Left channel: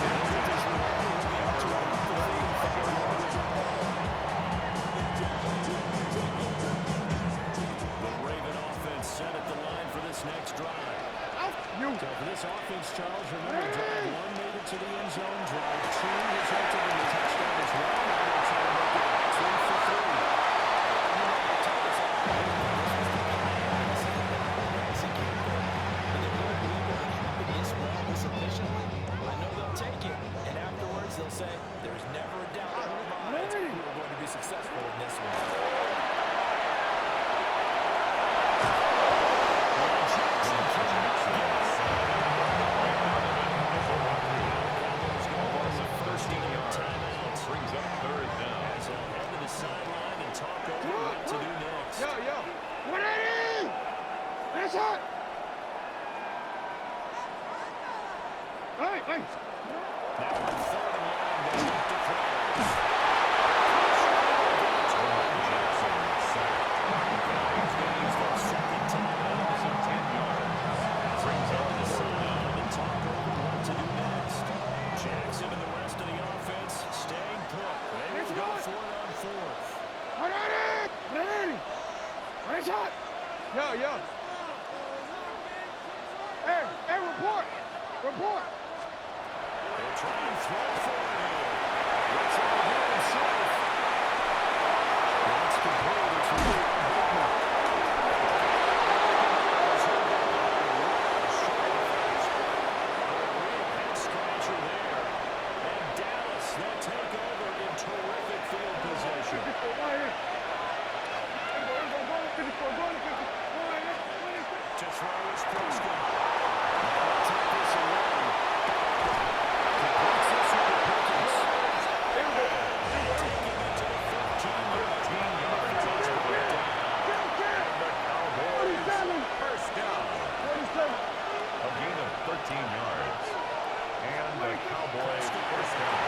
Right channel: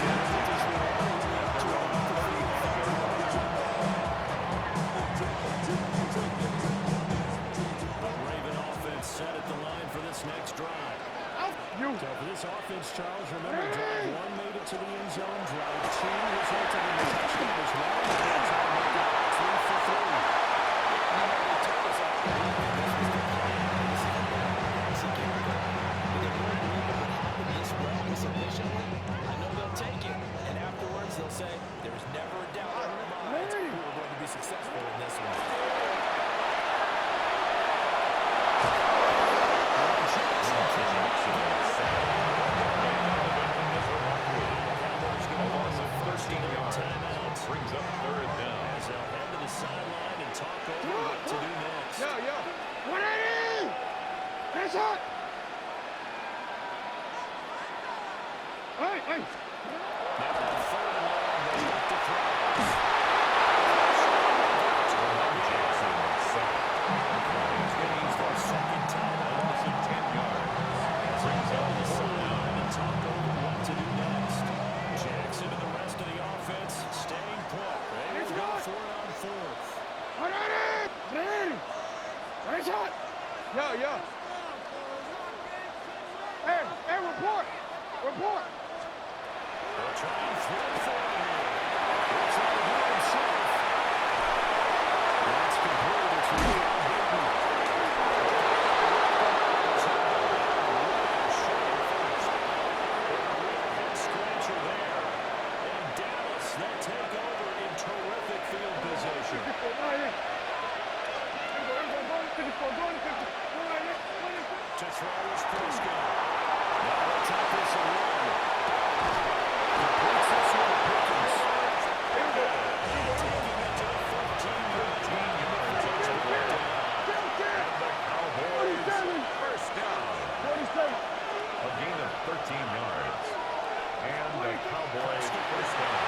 The Raven offense set at the line for this next drive. So for this offense, Charles, remember drive 1 made it to the end zone. Drive 2 resulted in a touchdown as well. Now they're trying to make it 3 for 3. They told us all this was the plan. This is what they wanted to execute. But they really believe it would happen this well, this efficiently. I know they'll take it. And afterwards, they'll say, there's never a doubt in our minds we were going to be successful in this one. Brings up third down. As they'll head to the sideline and talk over what to do next. 180! That's hot! Hey! Now on 3rd and long, they look to throw. Jackson sacked. Giants gains their second time A loss of 10 yards. Brings up the 4th down. sideline and talk over what to do next. Jackson and the rest of the offense staying put. They will go for it on 4th. 180! That's hot! Yeah. Hey, report! They'll try and throw for it here. He'll try to do it himself. That's complete. It's really Bateman. Head-scratcher there. And Dallas, they'll take over in terrific field position. To throw is Prescott. Now they'll take this and run. Completes this one to Pickens. And taking it to the 15 yards. And the Cowboys first down. A gain of 13 yards. And the Cowboys first down.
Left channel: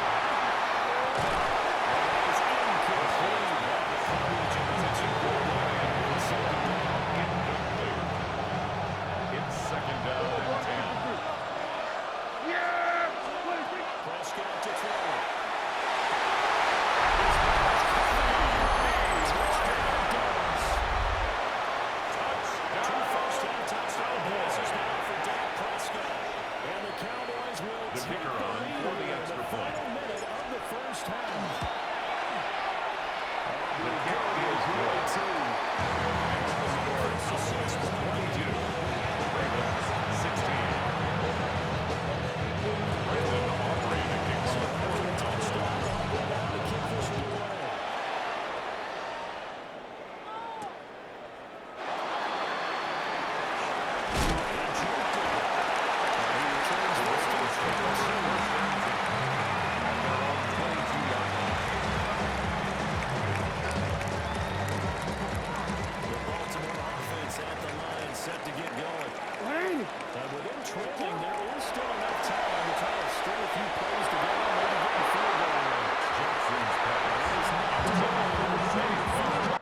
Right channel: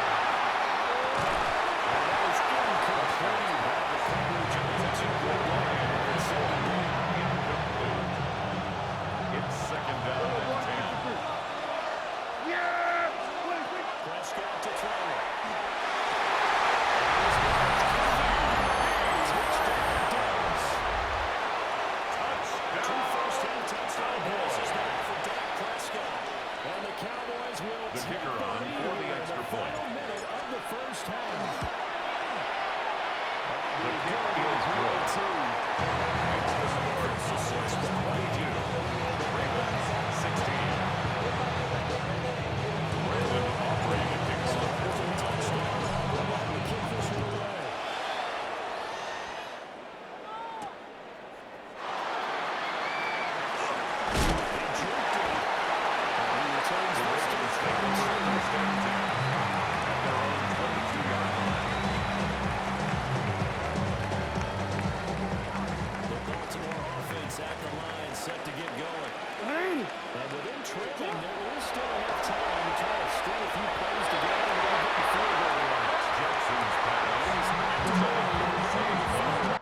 And that is incomplete. The coverage is incomplete. Second down. Incomplete. It's second down and 10. Prescott to throw it. Touchdown. 2 first-half touchdown passes now for Dak Prescott. And the Cowboys will The take kicker the on lead for the in extra the point. final minute of the first half. The kick is good. Makes the score Cowboys 22. Ravens 16. Brandon Aubrey to kick off for the Cowboys. To kick this one away. He juked it. And he returns The this to Ravens take over first and 10 at their own 22-yard line. the Baltimore offense at the line, set to get going. And within trailing, there is still enough time to try to string a few plays together and maybe get the field goal range. Jackson's pass. He's not Save.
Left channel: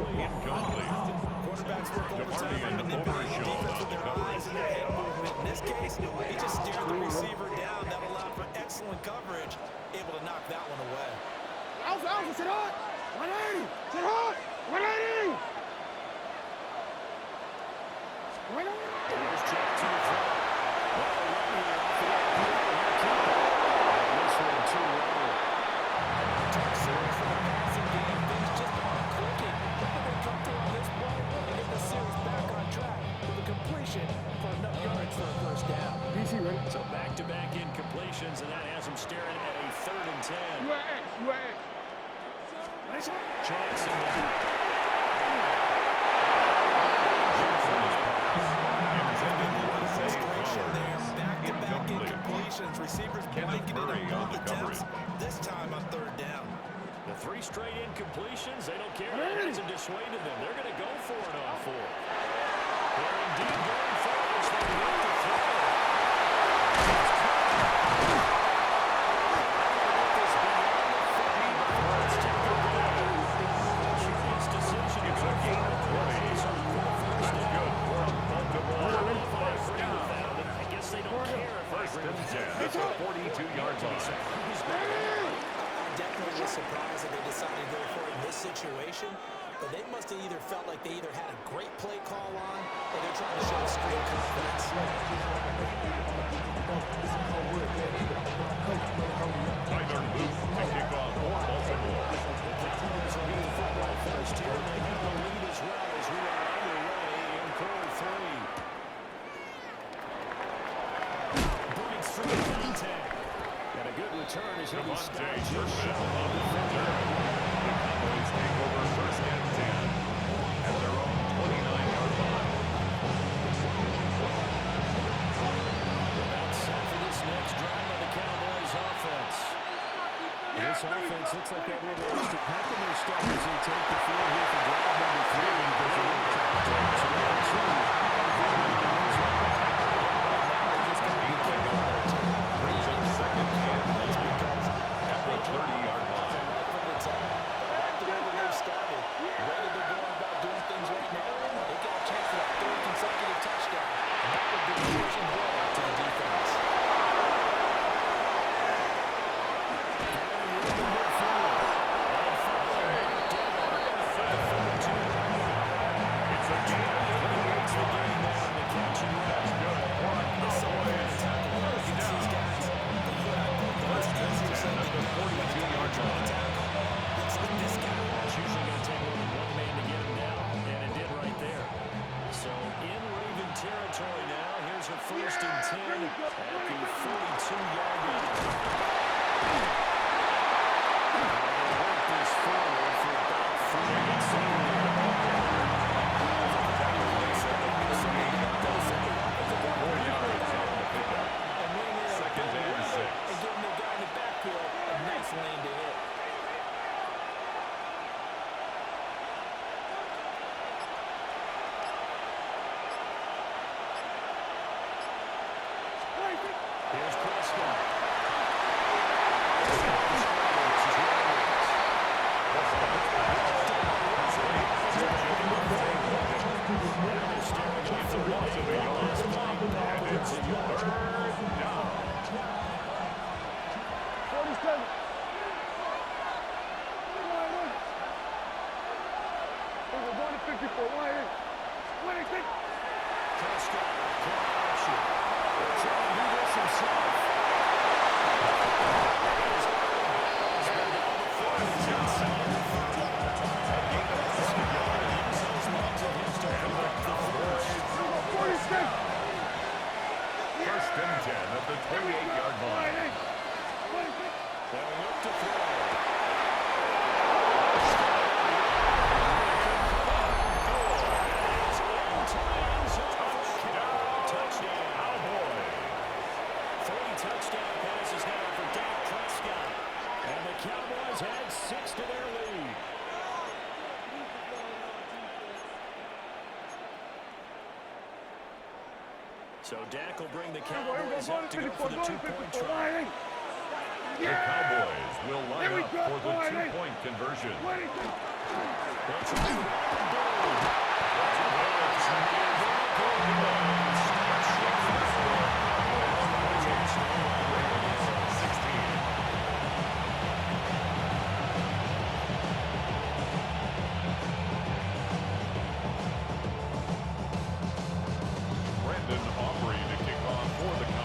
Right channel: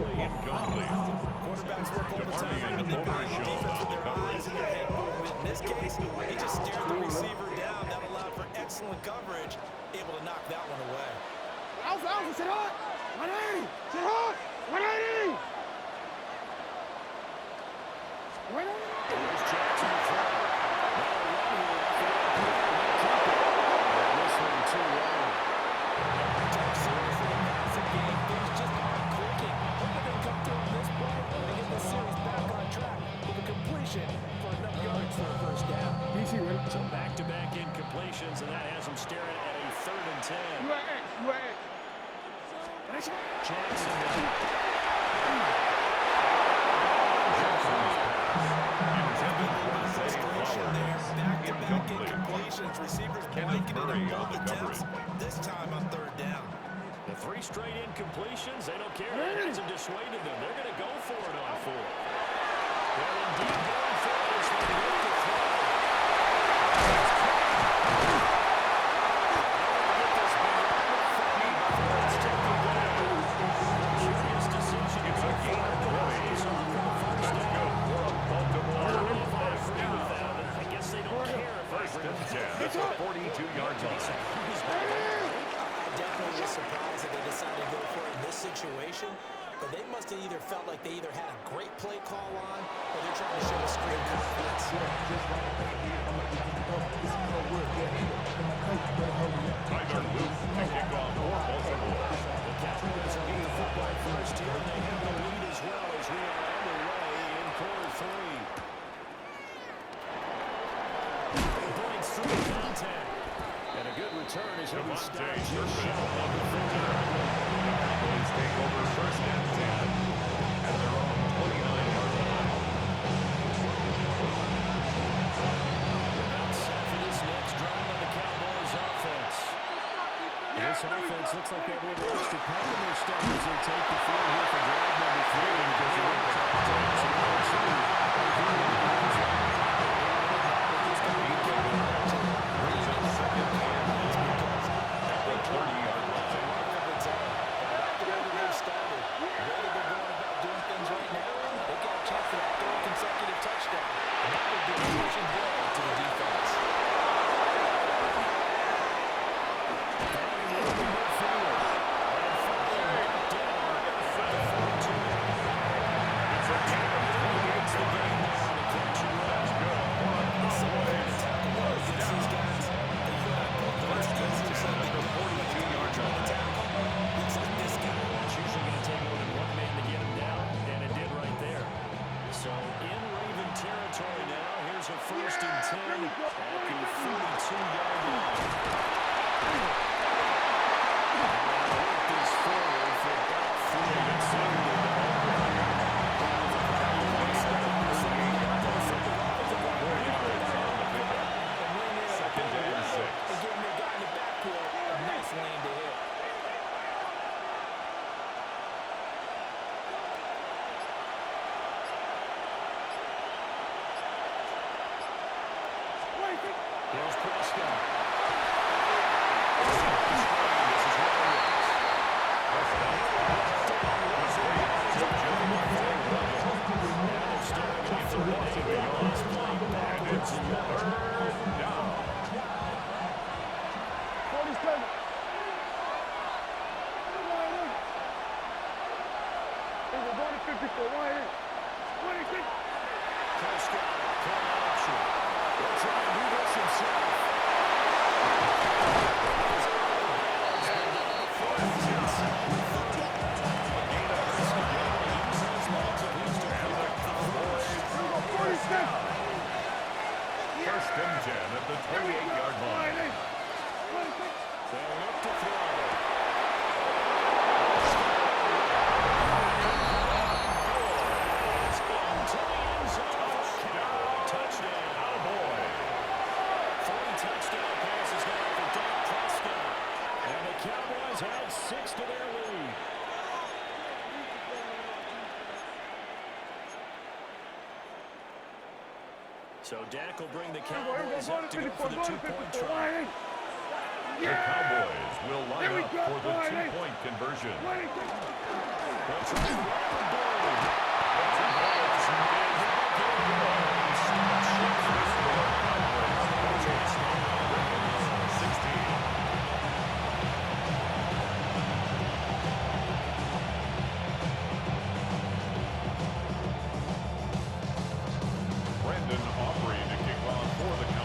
incomplete. Quarterbacks work overtime on manipulating defense with their eyes and their head movement. In this case, he just stared the receiver down. That allowed for excellent coverage, able to knock that one away. Alpha, sit hard. 180. Sit hard. 180. 180. Here's Jackson to throw. Now a run here off the RPO. He'll keep it. And this one too low. Tough series for the passing game. Things just aren't clicking. Hope they can come through on this play and get the series back on track with a completion for enough yards for a first down. BC ready? So back-to-back incompletions, and that has them staring at a 3rd and 10. You at X. You at X. Jackson down. Jackson's pass. Intended for Zay Flowers. Back-to-back Incomplete. incompletions. Receivers Kenneth blanketed Murray in on both the attempts. coverage. This time on 3rd down. The 3 straight incompletions, they don't care. That hasn't dissuaded them. They're going to go for it on 4th. They're indeed going for it as they look to throw. They're going to get this beyond the 50 before it's taken down. Curious decision to go for it. That's good for a Baltimore I agree first with down. that. I guess they don't care if I First agree and with 10 that. at the 42-yard line. Surprised by that, right? I definitely was surprised that they decided to go for it in this situation, but they must have either felt like they either had a great play call on or they're trying to show extreme confidence. Tyler Luke to kick off for Baltimore. The Cowboys will get the football first here, and they have the lead as well as we are underway in quarter 3. Breaks through the contact. And a good return as he'll be Devontae stopped Turpin just shy on of the the return. The Cowboys take over first and 10 at their own 29-yard line. About set for this next drive on the Cowboys offense. This offense looks like they have a little extra pep in their step as they take the field here for drive number 3. And goes over the top. So now 2 are going to be ends right now. Brings up second and 1 at the 30-yard line. After where they've started, the way that they're going about doing things right now, they got a chance for that 3rd consecutive touchdown. And that would be a pushing blow to the defense. Finding room in midfield. And finally knocked down at the 42-yard line. It's a gain of 28 The game yards. there on the catch and run. That's good for a Cowboys first down. First and 10 at the 42-yard line. It's usually going to take more than one man to get him down, and it did right there. So in Raven territory now, here's a 1st and 10 at the 42-yard line. And they'll work this forward for about 3 minutes. Second and 6. And giving the guy in the backfield a nice lane to hit. Here's Prescott. Prescott the screen. This is where it is. Prescott's pass. Complete to Javonte Williams. Now they're staring at It's a loss of a yard. And it's third down. 47. We're going to 54. 180. Prescott, play action. He'll try and do this himself. A gain of 12 yards. Use those legs of his to And pick the up the Cowboys first. first down. First and 10 at the 28-yard line. They'll look to throw. It's into the end zone for the Cowboy touchdown. Cowboys. 3 touchdown passes now for Dak Prescott. And the Cowboys add 6 to their lead. So Dak will bring the Cowboys up to go for the 2-point try. The Cowboys will line up for the 2-point conversion. They'll try to run the ball.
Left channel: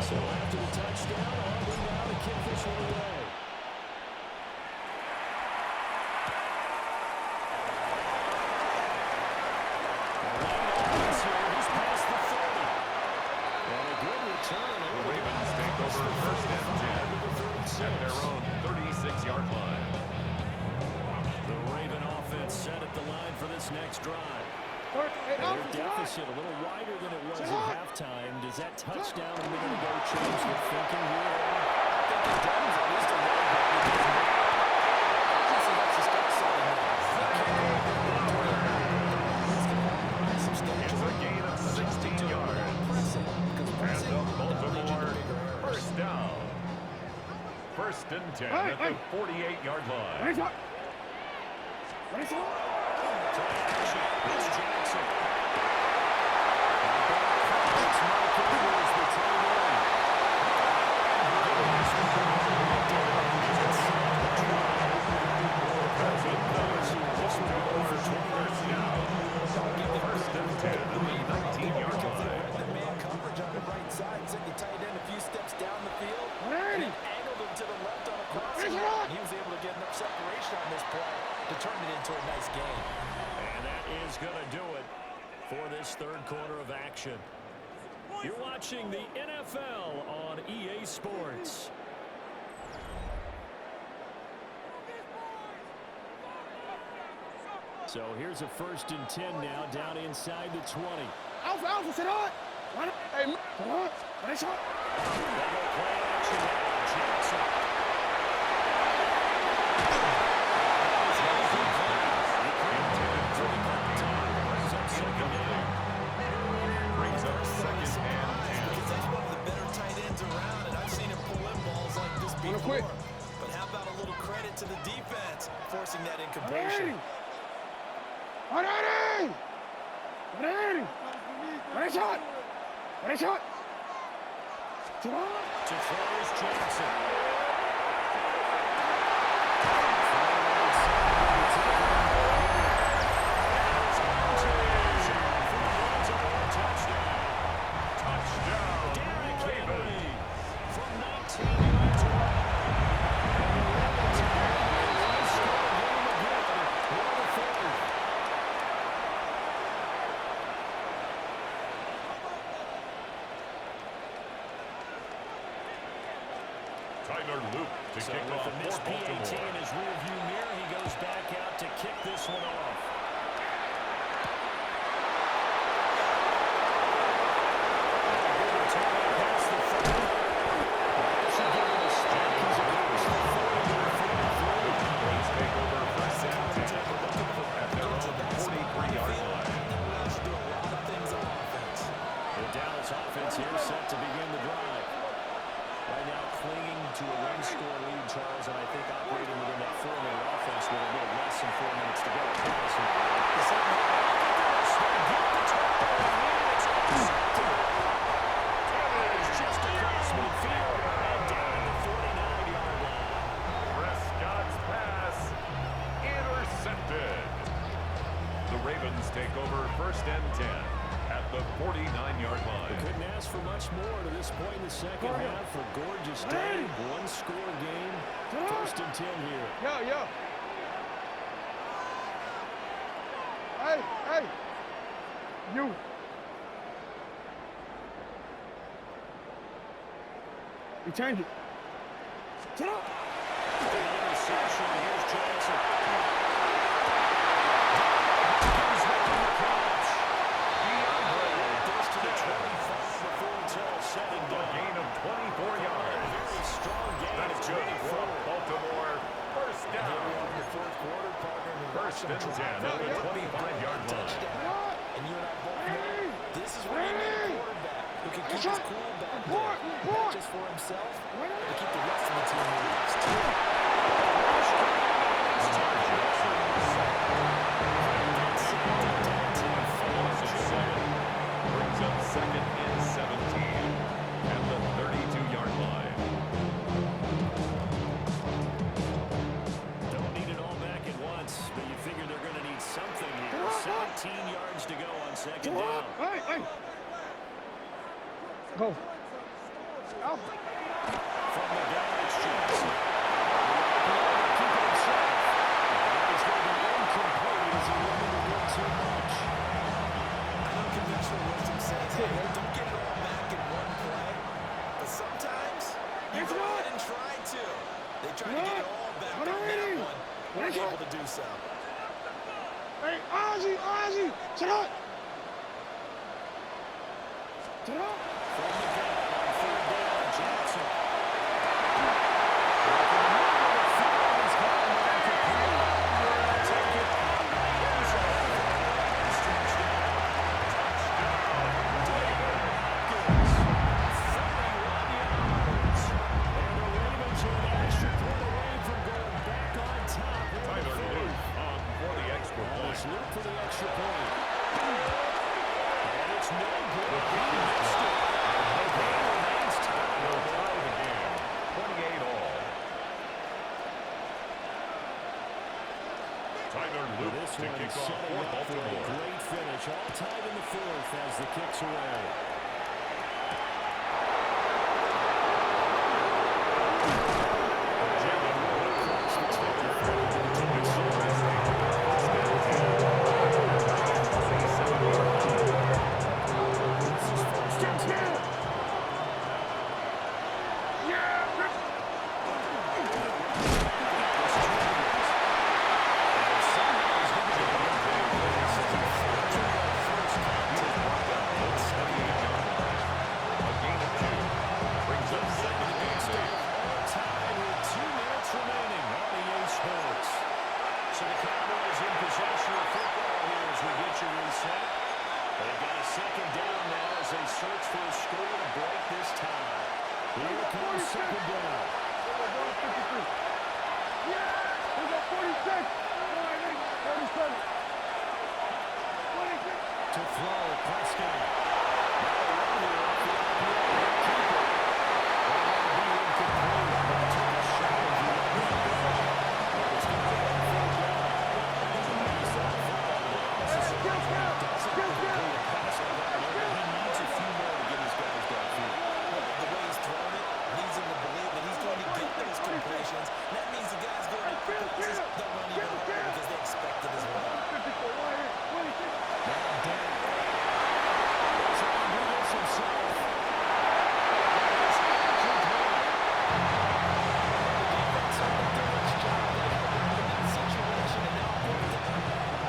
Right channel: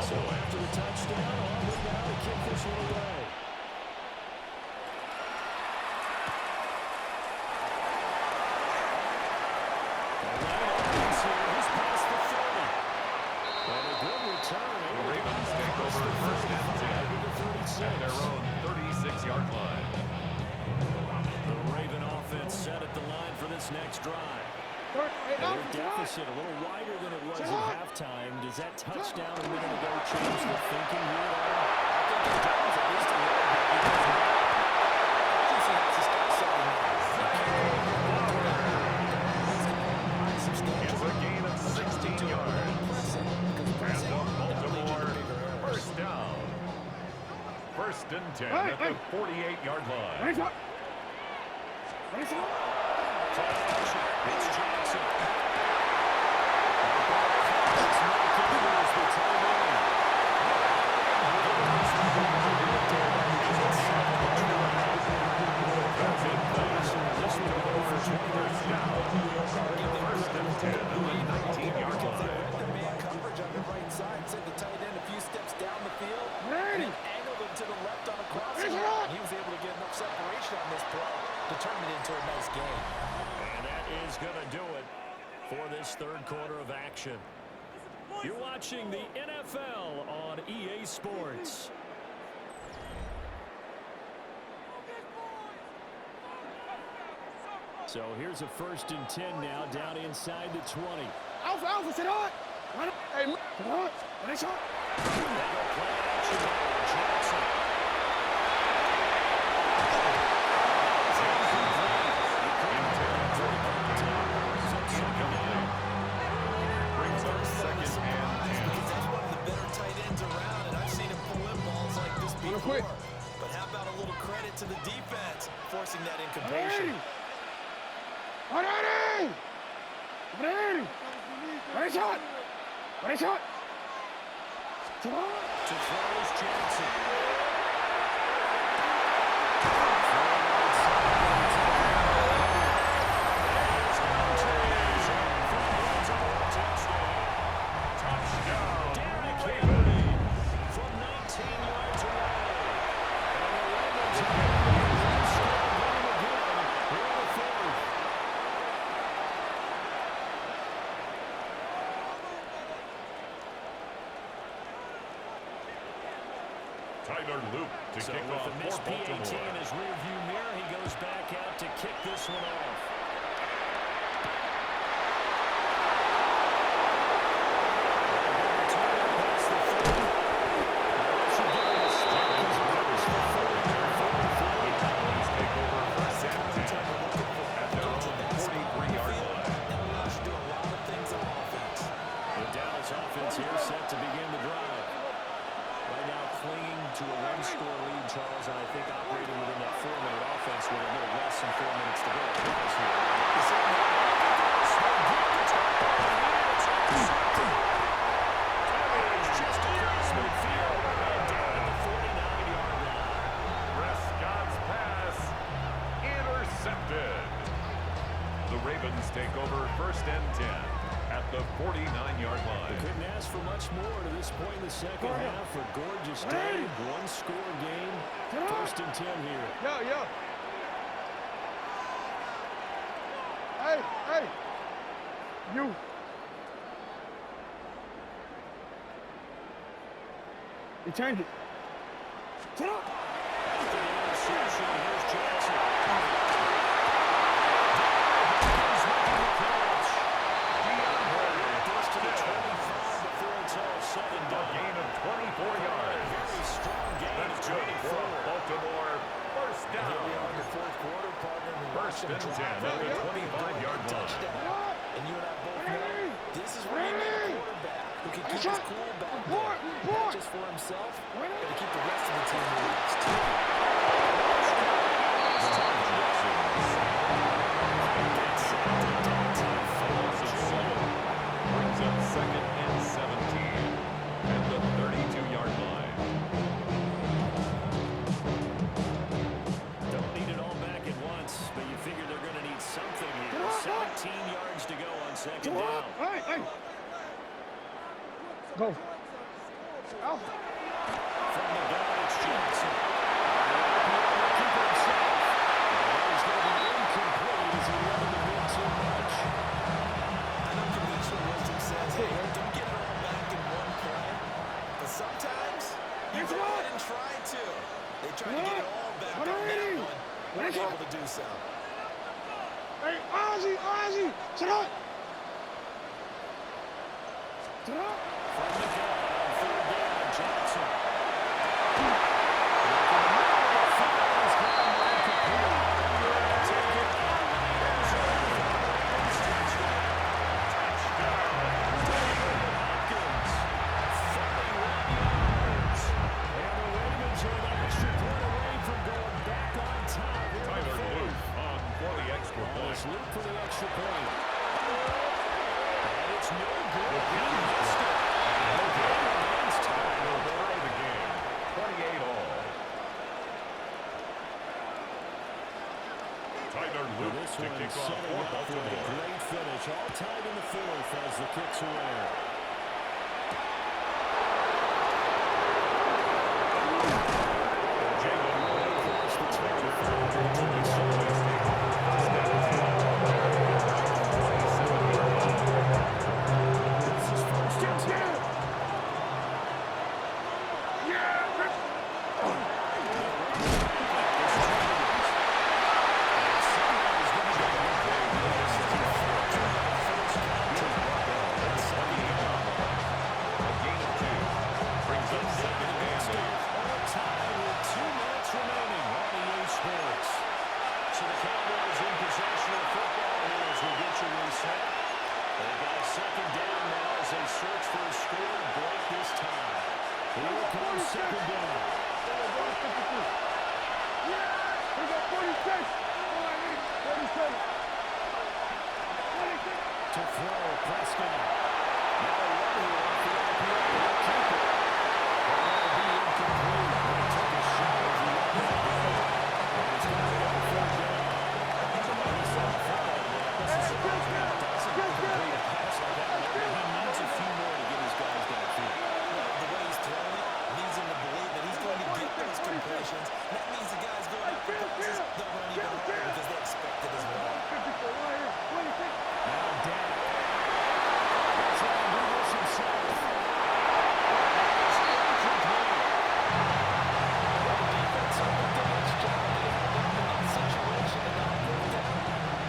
So after the touchdown, Auburn now to kick this one away. The lane opens here. He's past the 30. And a good return. The Ravens take over first and 10 at their own 36-yard line. The Raven offense set at the line for this next drive. Their deficit a little wider than it was at halftime. Does that touchdown a minute ago change the thinking here at all? I think it does, at least a little bit, because urgency has to start setting in. It's a gain of 16 yards. And the Baltimore first down. First and 10 at the 48-yard line. It's Jackson. It's Mike Evers, the tight end. This will go for 20 first down. First and 10 at the 19-yard line. The man coverage on the right side, sent the tight end a few steps down the field, and then angled him to the left on a crossing route. He was able to get enough separation on this play to turn it into a nice game. And that is going to do it for this third quarter of action. You're watching the NFL on EA Sports. So here's a first and 10 now, down inside the 20. Alpha, sit on. Hey, sit on. What is shot? They go play action now. Jackson. Brings up second and 10. Because that's one of the better tight ends around, and I've seen him pull in balls like this before. But how about a little credit to the defense forcing that incompletion? What is shot? To throw is Jackson. Touchdown, Ravens. From 19 yards away. And the Ravens have scored game again. What a fourth. Tyler Loop to So kick with off the missed for PAT Baltimore. in his rearview mirror, he goes back out to kick this one off. Offense here set to begin the drive. Right now clinging to a one-score lead, Charles, and I think operating within that 4-minute offense with a little less than 4 minutes to go. It's just across midfield and down at the 49-yard line. Prescott's pass intercepted. The Ravens take over first and 10 at the 49-yard line. Couldn't ask for much more to this point in the second half. A gorgeous day, one-score game. First and 10 here. Yo. Hey. You. You change it. Sit up. After the interception, here's Jackson. To the 25 before it's all said and done. A gain of 24 yards. Very strong gain. That's good for Baltimore. First down. Here we are in the fourth quarter, partner. First and 10 at the 25-yard line. And you and I both know this is where you need a quarterback who can keep his cool back there. Not just for himself, but to keep the rest of the team relaxed too. 18 yards to go on second down. Hey. Go. Out. From the gun, it's Jackson. The keeping him safe. That is going to be incomplete as he wanted a bit too much. I know conventional wisdom says, hey, don't get it all back in one play. But sometimes you go ahead and try to. They try to get it all back on that one. We're able to do so. Hey, Ozzy, sit up. Sit up. From the gun on third down, Jackson. Look in the middle of the field. He's gone incomplete. Take it out of the end zone. Touchdown. David Hopkins. 31 yards. And the Ravens are an extra point away from going back on top. Tyler Luke on for the extra point. It's Luke for the extra point. And it's no good. He missed it. And the game remains tied. They'll tie the game. 28 all. Tyler Luke to kick off for Baltimore. Great finish. All tied in the fourth as the kick's away. Jalen Luke across the the Cowboys take over first and 10 at their own 27-yard line. This is first and 10. So the Cowboys in possession of football here as we get you reset. They've got a second down now as they search for a score to break this tie. Here comes second down. We got 46. 47. 26. To throw, Prescott. Now a run here off the IPA. He'll keep it. Well, that'll be incomplete. Well, took a shot as he let that go. But it's going to be on third down. So when he saw the football today, I was surprised when he doesn't complete a pass like that. He needs a few more to get his guys downfield. The way he's thrown it leads him to believe that he's going to get those completions. That means the guys going up for passes, they'll run even harder because they expect it as well. Now Dak. He'll try and do this himself. It's incomplete. Well, the defense certainly did its job. They held up in that situation and now fourth down.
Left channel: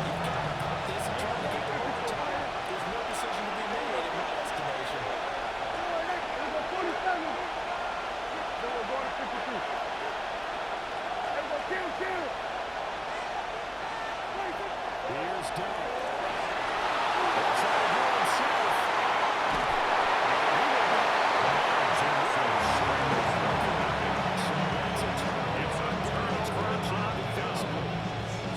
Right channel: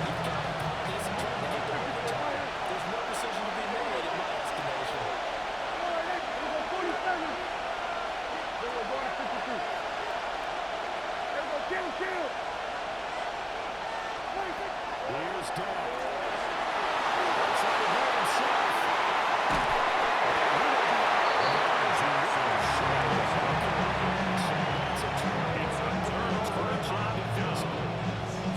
You've got to pump this and try to get to overtime. There's no decision to be made in my estimation. Then we're going to 52. Then we're kill. Here's Dak. He'll try to do it himself. And he will be out of bounds. So that's a turnover. It's a turnover on defensively.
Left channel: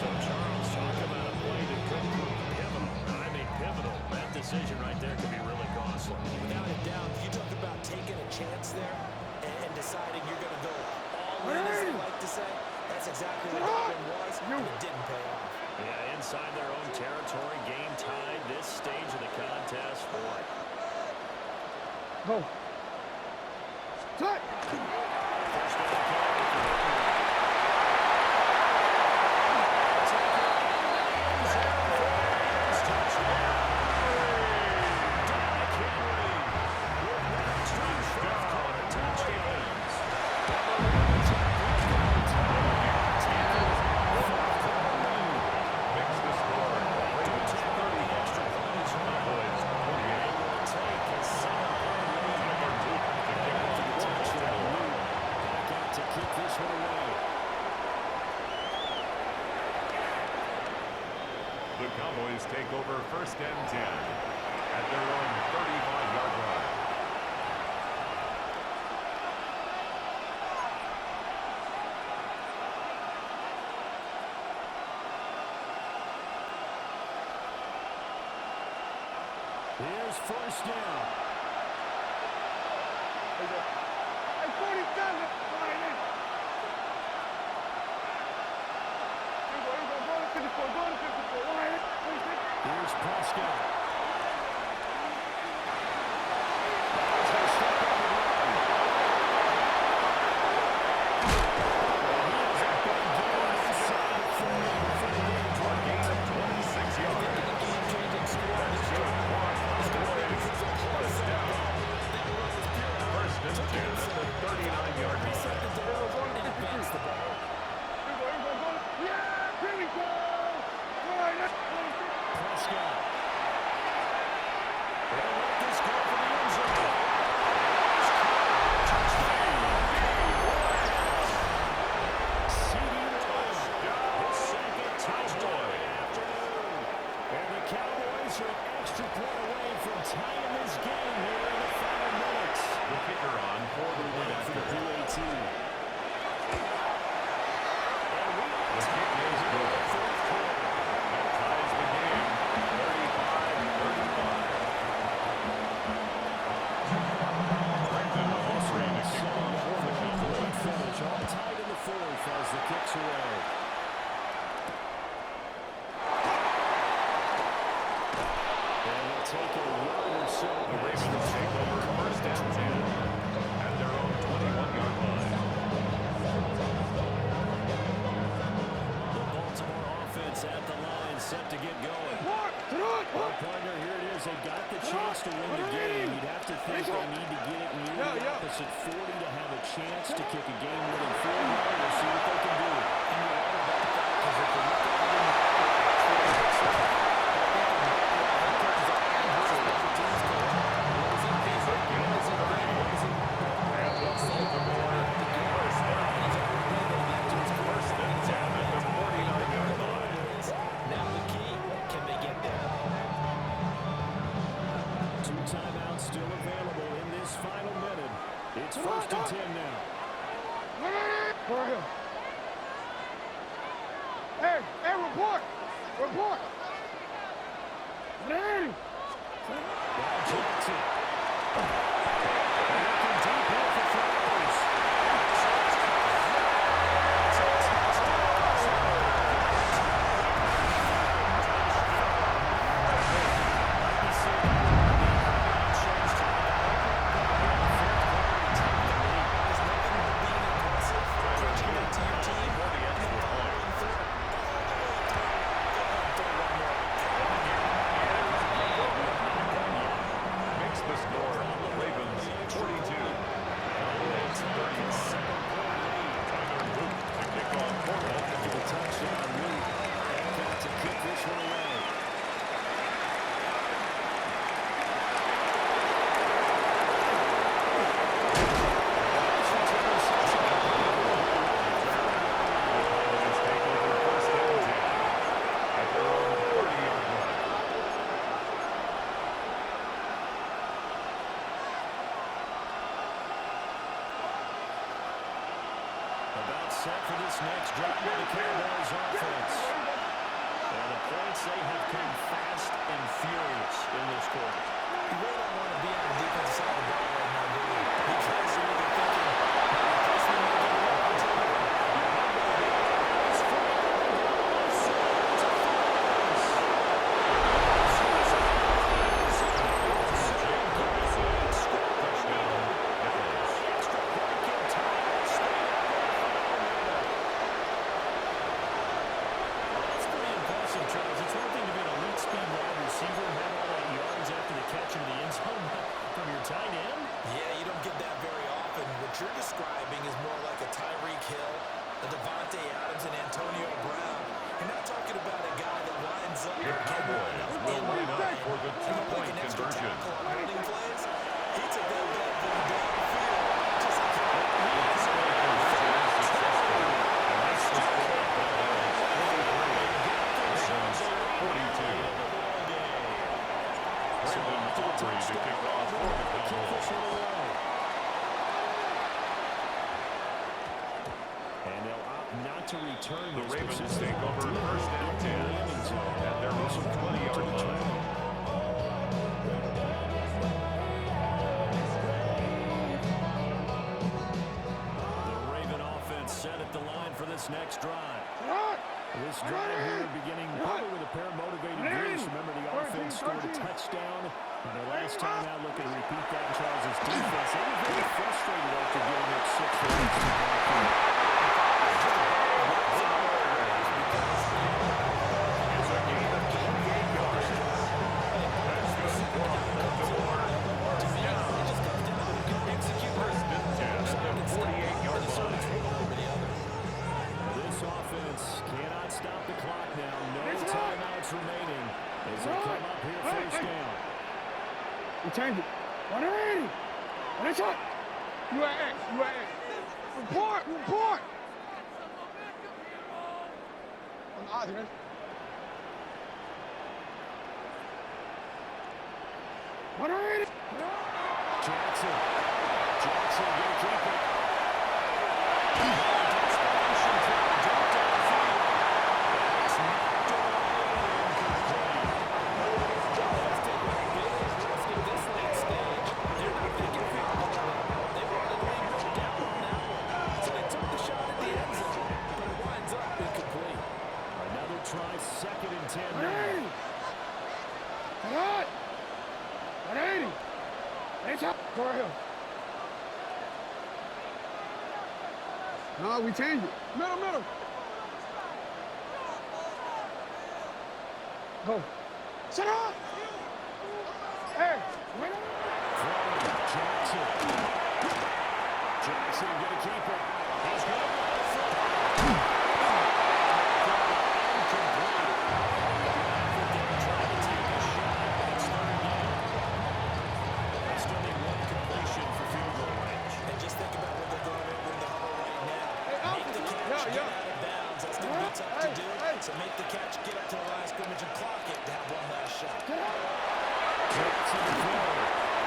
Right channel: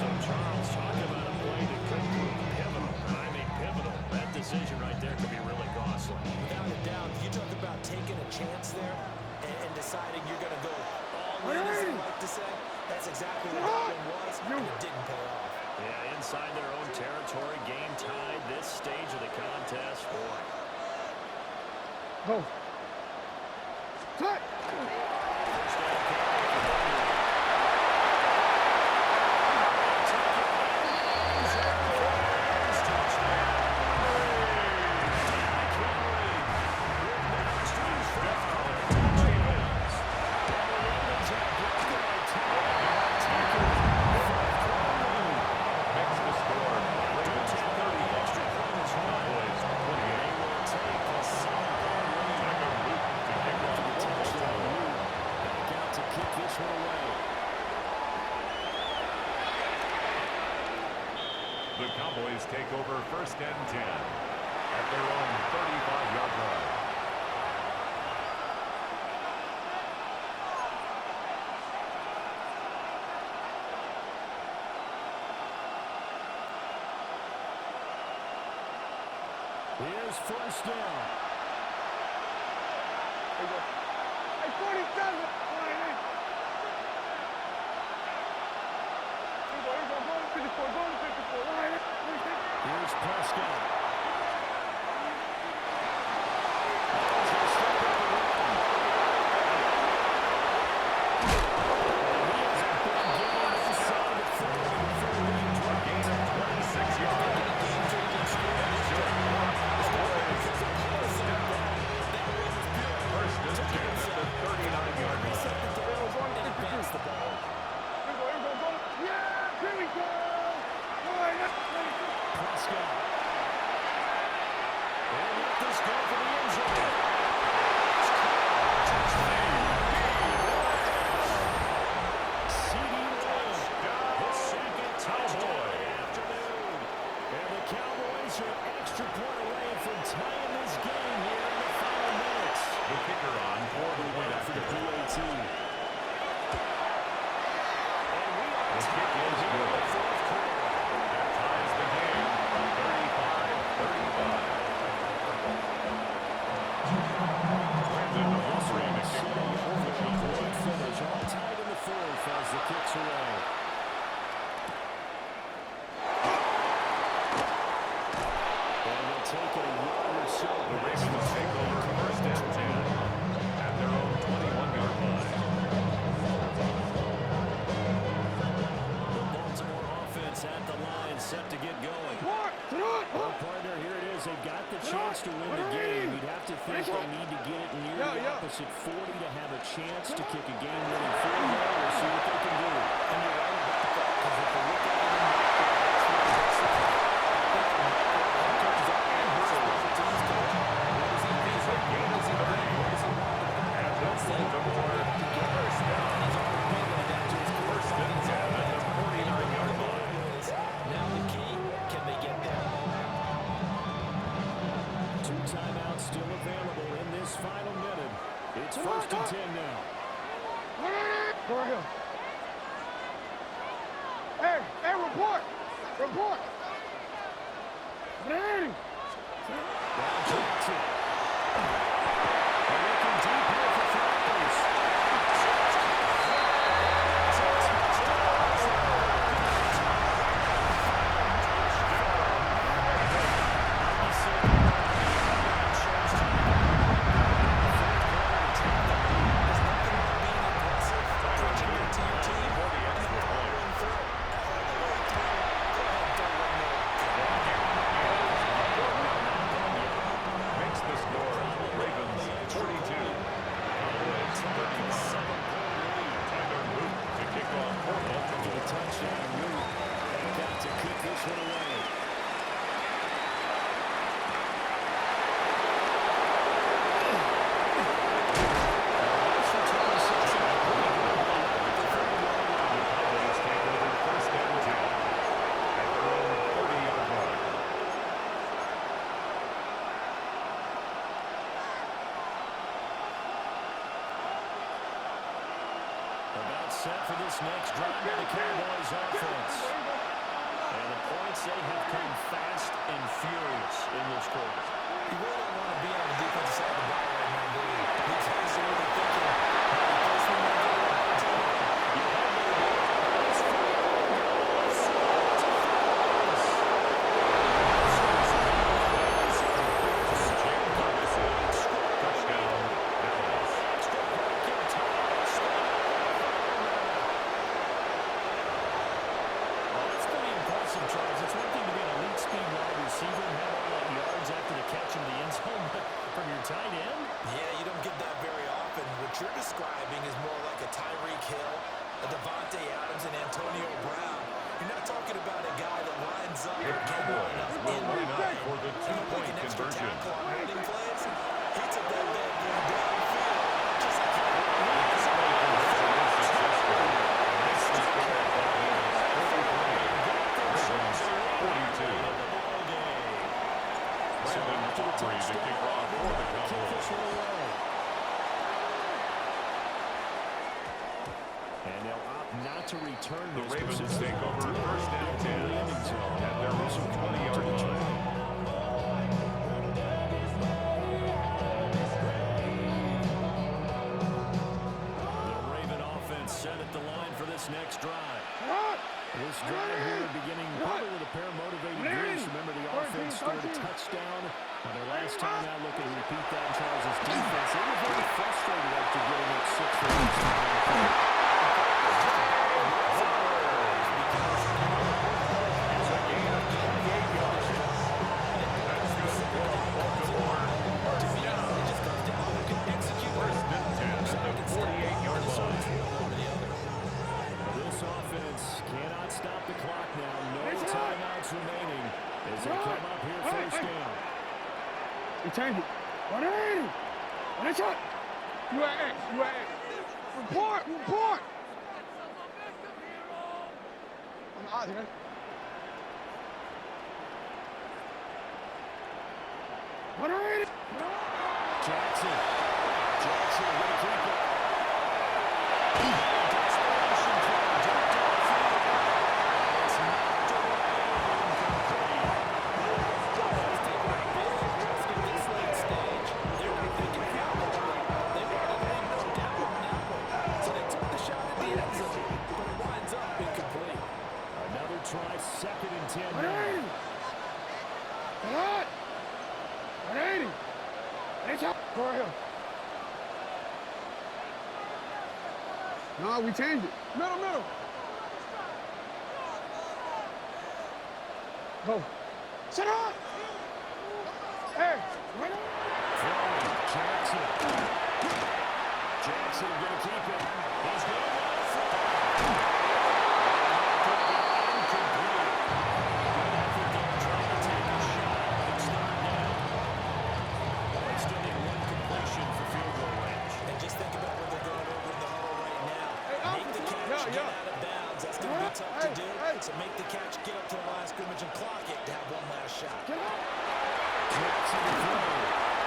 So Charles, talk about a play that could prove pivotal. I mean pivotal. That decision right there could be really costly. Without a doubt, you talk about taking a chance there and deciding you're going to go all in, as they like to say. That's exactly what that one was, and it didn't pay off. Yeah, inside their own territory, game tied, this stage of the contest, boy. Go. Cut. First down carry for Henry. Take it into the end zone for a Ravens touchdown. Derrick Henry with now 2 straight career touchdowns. And the Ravens have broken our tie. Taken fourth quarter lead. Makes the score. Ravens 35. Cowboys 28. They will take a 7-point lead. Tyler Luke to kick off for Baltimore. Back out to kick this one away. The Cowboys take over first and 10 at their own 35-yard line. Here's first down. Hey, 47. Go to 54. Go to 54. Here's Here's Prescott. Now he's going to step up and run. And he has a big gain inside the 40 before the game A gain of 26 yards. Making a game-changing score on this Good drive. block It's for got to be Boyd. because of First close down. That run was pure. First and 10 at the 39-yard Reset line. the down and advance the ball. Here we go. Yeah, here we go. Boy, that's 26. Prescott. They'll let this go for the end zone. C.D. Lamb, his second touchdown of the afternoon. And the Cowboys are an extra point away from tying this game here in the final minutes. The kicker on for the point For after. the PAT. And we are The kick tied is here in good. the fourth quarter. That ties the game, 35-35. Brandon Aubrey to kick off for the Cowboys. Finish all tied in the fourth as the kicks away. And they'll take a yard or so. The Ravens take over first and 10 at their own 21-yard line. The Baltimore offense at the line, set to get going. Well, partner, here it is. They've got the chance to win the game. You'd have to think they need to get it near the opposite 40 to have a chance to kick a game-winning field goal. We'll see what they can do. And you're right about that, because if you look at it in macro, that's what it looks like. I think in macro, head coaches are and special teams coach. What does he think? What does he think? What does he want the ball? And the Baltimore first down. And he's already relayed that to his First and 10 at the 49-yard line. Now the key, can they get there? 2 timeouts still available in this final minute. It's first and 10 now. For him. Hey, report. Ready. Now Jackson. They're looking deep here for Flowers. There's nothing like being aggressive, preaching that to your team, For the and extra following point. through all the way through. Go ahead, throw one more. Makes the score Ravens 42, Cowboys 35. Tyler Luke to kick off for Baltimore. Touchdown, Luke. They've got to kick this one away. The Cowboys take over first and 10 at their own 30-yard line. About set for this next drive by the Cowboys offense. And the points, they have come fast and furious in this quarter. You really don't want to be on the defensive side of the ball right now, do you? Because you're either thinking, my replacement might get an opportunity. Your head better be Touchdown, Dallas. Well, that's pretty impressive, Charles. It's one thing to be an elite speed wide receiver and have all that yards after the catch into the end zone, but from your tight end? Yeah, you don't get that very often. What you're describing is more like a Tyreek Hill, a Devontae Adams, and Antonio Brown. You're not talking about a guy that lines up The or can line up Cowboys will in line up line. for the And like two-point an extra conversion. tackle on holding plays. He took that bad boy downfield, just like he Two-point conversion is successful. And makes the score Cowboys 43, Ravens 42. Brandon Aubrey to kick off for the Cowboys. And they'll opt not to return The this Ravens position. take over first and 10 at their own 20-yard line. The Raven offense set at the line for this next drive. This drive here beginning probably with a pair of motivated groups. Remember, the and scored a touchdown on their last time out. Looking to repeat that in Charles' defense. They were very frustrated after giving up 6 for the last time. It's a gain of 28 yards. That's good for Baltimore. First down. First and 10 at the 48-yard line. This offense cannot stop the clock now. No timeouts remaining as they come up here first down. You change it. 180. And it's up. You at X. You at X. Report. Report. On the odds, man. Jackson gonna keep it. Desperation play, deep downfield. It's knocked away and incomplete. That's taking a big risk at this late stage. They're not thinking field goal though. They wanted to leave no doubt on that one. So they took the shot at the end zone, but it winds up incomplete. Another try, 2nd and 10 180. now. Come on. 180. It's up. Go right here. No, we changed it. Middle. Go. Sit up. Hey, wait up. Throwing, Jackson gonna keep it. He's gonna run it flat. Gonna be incomplete. Good effort there trying to take a shot, but it's 3rd down. They still need 1 completion for field goal range. And just think about what they're going over in the huddle right now. Make the catch, get out of bounds. That's going to be tough to do. So make the catch, get up to the line of scrimmage, and clock it to have one last shot. Jackson to throw.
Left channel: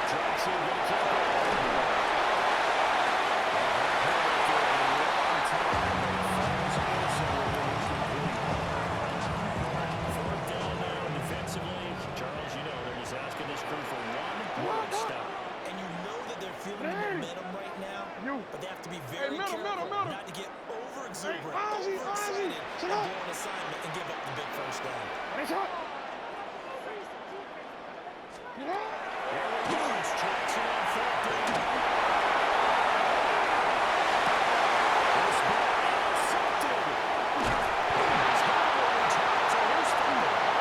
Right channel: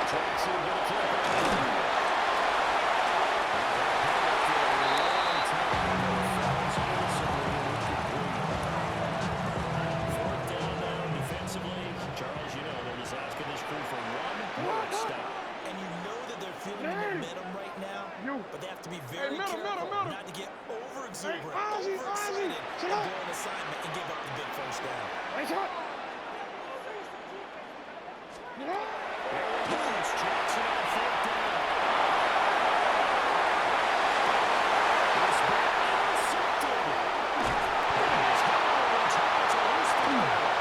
Jackson gonna keep it. Charles, you know they're just asking this crew for one more stop. And you know that they're feeling the momentum right now, but they have to be very careful not to get overexuberant, overexcited, and blow an assignment and give up the big first down. There we go. It's Jackson on 4th down. This ball intercepted. His Howard tries a loose football.